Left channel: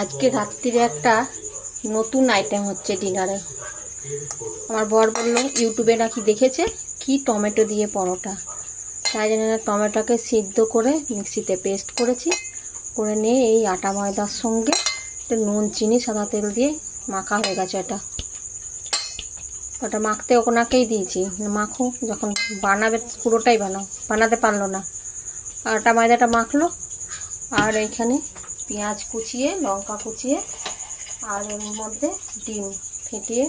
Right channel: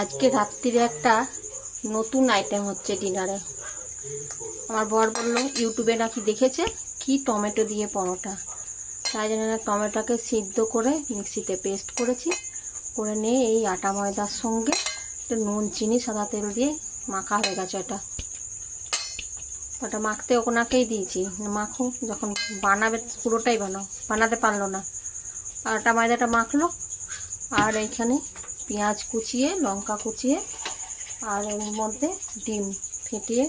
আজকে রাত্রিরে একটা নতুন আইটেম হচ্ছে ডিনারে। আমার বর বলল ইউটিউবে নাকি দেখেছে কি টমেটো দিয়ে পরোটা, তাই জন্য টমেটোকে সিদ্ধ করে মিক্সিতে পেস্ট করেছি, করে নিয়ে এই আটা ময়দার সঙ্গে নুন চিনি সাদা তেল দিয়ে মাখা হয়ে গেছে। ওটা মাখতে ওনাকেই দিয়েছি, মাখো যখন বানাবে পুরোটাই বানাতে পারলো না। আটা ময়দাটা মাখলো, আর এইখানে পেঁয়াজ কুচিয়ে লঙ্কা কুচিয়ে আর এর মধ্যে ডিম ফেটিয়ে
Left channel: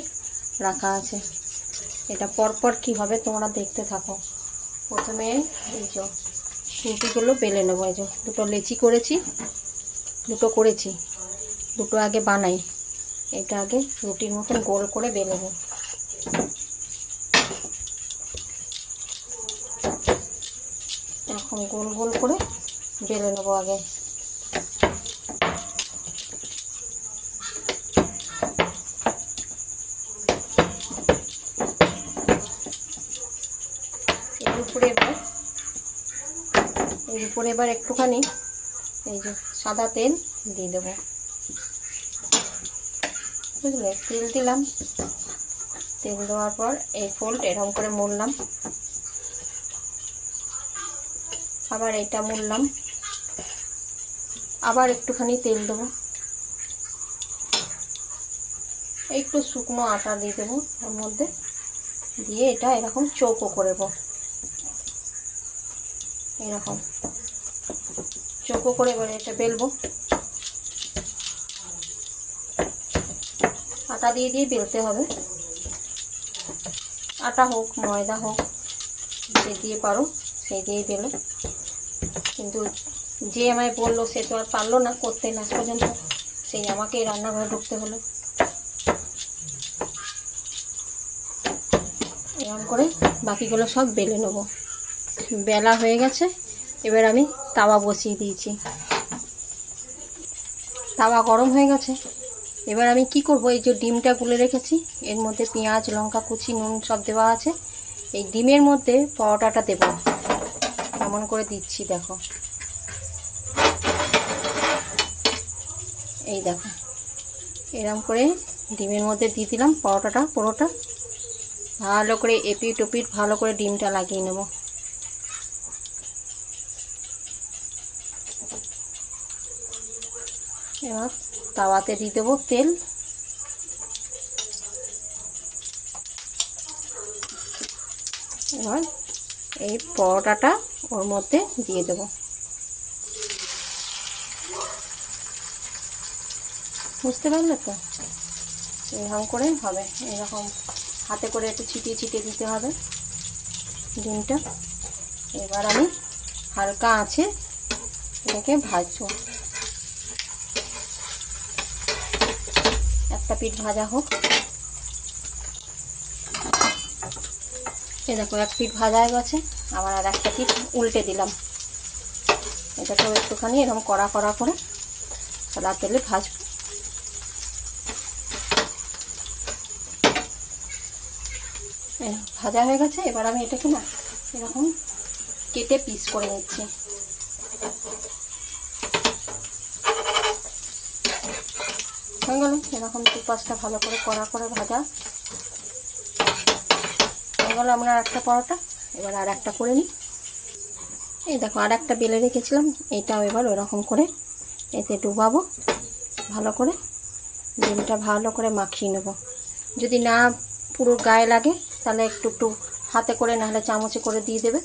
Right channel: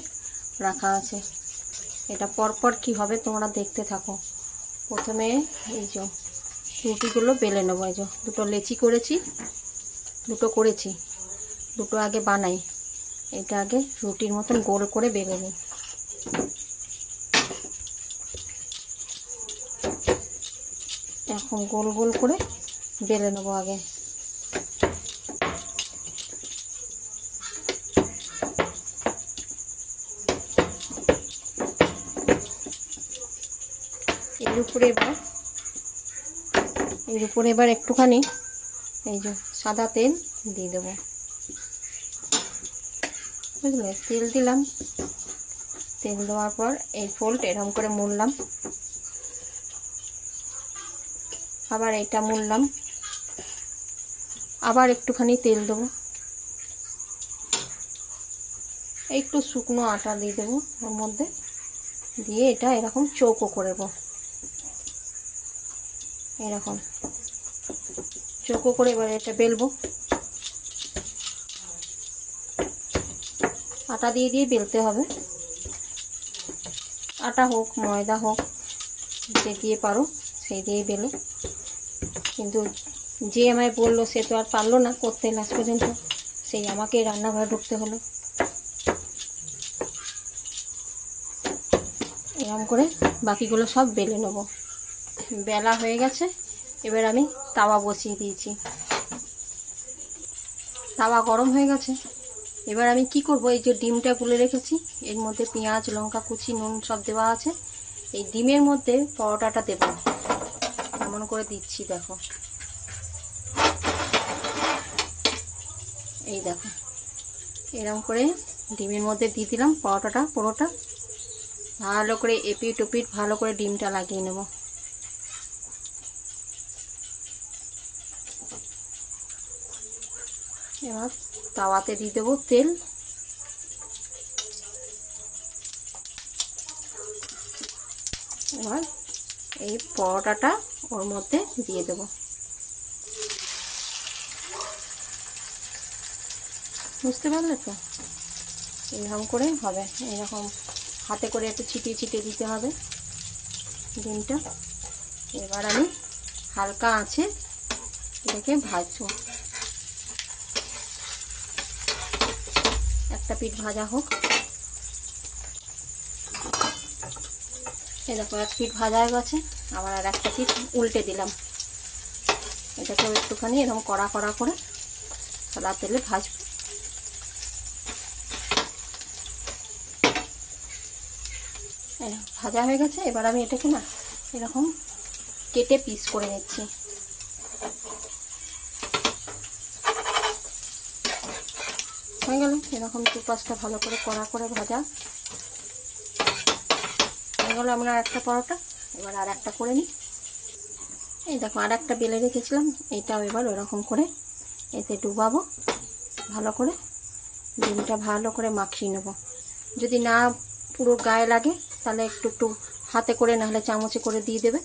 রাখা আছে। এটা পরপর কি হবে তোমরা দেখতে থাকো। প্রথমে এই যে রুটিগুলো বেলে নেবো। এই যে দুটো লেচি করেছি, দুটো আগে বানাই। এটা আগে রুটির মতন গোল করে বেলে নেব। এখন গোল গোল করে বেলে নেবো আগে। এর উপরে এবার একটুখানি এই যে সাদা তেল দিয়ে দেবো, বুঝলে? তেল দিলাম, তেল দেওয়ার পর এই ফোল্ড এরকম করে মুড়লাম, আবার এটা মুড়লাম, আবার একটুখানি তেল দেবো, একটু শুকনো আটা দিয়ে দেবো তার মধ্যে, দিয়ে এটা এরকম চৌকো করে দেবো। এরকম চৌকো করে এবার এটা বেলবো। আটা দিয়ে বেলতে হবে, আটা হোক ময়দা হোক যে দিয়ে পারো সেই দিয়েই বেলো। কিন্তু যে আমায় বললো সে তো আর পারলো না করতে, লাস্ট পর্যন্ত সেই আমাকেই রান্নাঘরে ঢুকতে হলো। এরকম করে বাকিগুলো সব বেলে নেবো। বেলা হয়ে গেছে, এবার আমি তাওয়া বসিয়ে দিয়েছি। তাওয়া গরম হয়ে গেছে। এবার আমি কি করব, এই যে ডিমটা গুলে রেখেছি এর মধ্যে পেঁয়াজ লঙ্কা কুচি নুন সব দেওয়া আছে, এই ডিমের মধ্যে পরোটাটা দেব। এমন করে দিচ্ছি, দেখো এই দেখো এরকম করে ডিমের মধ্যে দিয়ে দিলাম পরোটাটা। পুরোটা ভালো করে এপিট ওপিট ভালো করে ডিমটা লাগিয়ে নেব। এবার তাওয়াতে দিয়ে দেবো তেল, এবার এই পরোটাটা ওর মধ্যে দিয়ে দেব। বুঝতে পারলে তো? এরকম করে হবে, এরকম হাতে করে একটু ছিটিয়ে ছিটিয়ে দিতে হবে ডিমটা। এবার আমি হালকা আঁচে এটাকে ভাজবো। একটা পিঠ ভাজা হোক। এই দেখো এক পিঠ ভাজা হয়ে গেছে, আবার আর একটা পিঠ উল্টে দিলাম। এটাকেও একটুখানি এরকম কড়া কড়া করে খোলা তেলে ভাজবো। ভাজা হয়ে গেছে, এবার আমি এটাকে না এরকম কেটে পিস করে নিচ্ছি। হয়ে গেল এরকম 4-5টা ভালো করে কড়া করে ভাজা হয়ে গেল। আমি আর একটা পরোটা এবার আর একটা করে নিই। এই দেখো আর একটা বেলে রেখেছিলাম, এটাও এবার ওরকম করে এতে ডুবাবো। ভালো করে ডিমটা ভালো করে মাখিয়ে নেব। যদি না পুরো গায়ে লাগে তাহলে একটু একটু হাতে করে নাহলে চামচে করে দিয়ে দেবে।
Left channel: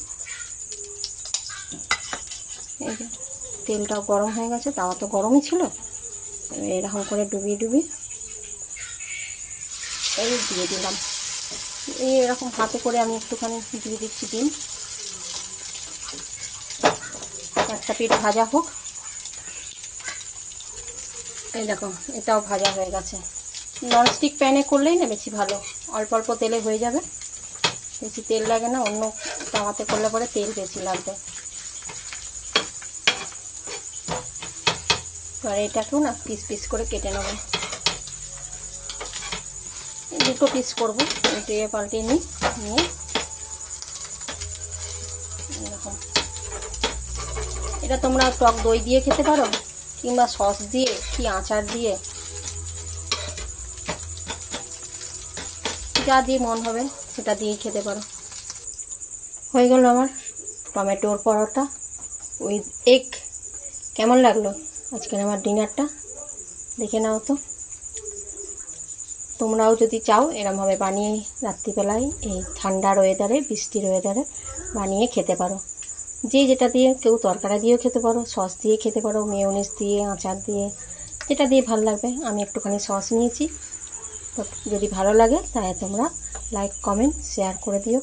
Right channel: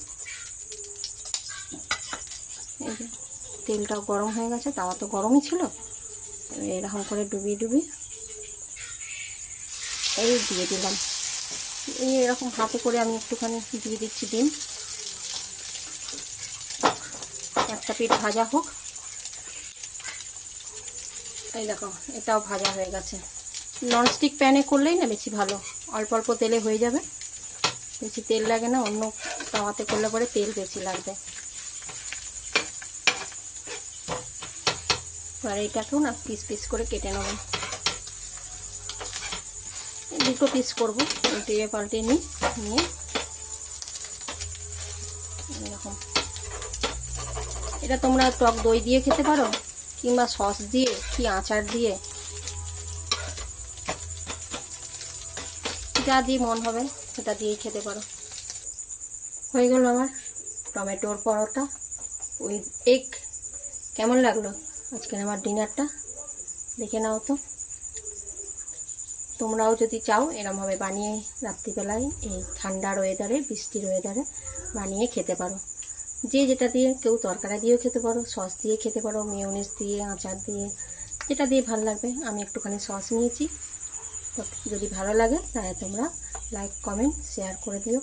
এই যে তেলটাও গরম হয়ে গেছে, তাওয়া তো গরমই ছিল। এরকম করে ডুবিয়ে ডুবিয়ে এই দিয়ে দিলাম। এই এরকম হাতে করে আমি একটুখানি দিয়ে দিচ্ছি ডিম। একটা পিঠ ভাজা হোক। এই দেখো এটাও ভাজা হয়ে গেছে। ননস্টিক প্যানে করলেই না বেশি ভালো, অল্প অল্প তেলে হয়ে যাবে, বেশি তেল লাগে না। অন্য তাওয়াতে করলে পরে তেল বেশি লাগবে। আর এটাকেও না পিস পিস করে কেটে নেব। দুটো পিস করবো, উল্টিয়ে পাল্টিয়ে নিয়ে এরকম। এটা তোমরা টক দই দিয়ে খেতে পারো, কিংবা সস দিয়ে কি আচার দিয়ে, যা দিয়ে মন হবে সেটা দিয়েই খেতে পারো। হয়ে গেল আমার টমেটোর পরোটা উইথ এগ। কেমন লাগলো আজকের আমার ডিনারটা? দেখে নাও তো। তোমরাও যদি চাও এরমভাবে বানিয়ে রাত্রিবেলায় এই ঠান্ডার ওয়েদারে, বৃষ্টির ওয়েদারে বানিয়ে খেতে পারো। যে যেটা দিয়ে, কেউ তরকারি দিয়েও খেতে পারো, সস দিয়ে খেতে পারো, মেয়োনিজ দিয়ে, আচার দিয়ে, যেটা দিয়ে ভালো লাগবে। আমি একটুখানি সস নিয়েছি। তো যদি ভালো লাগে তাহলে তোমরা লাইক, কমেন্ট, শেয়ার করে দিও।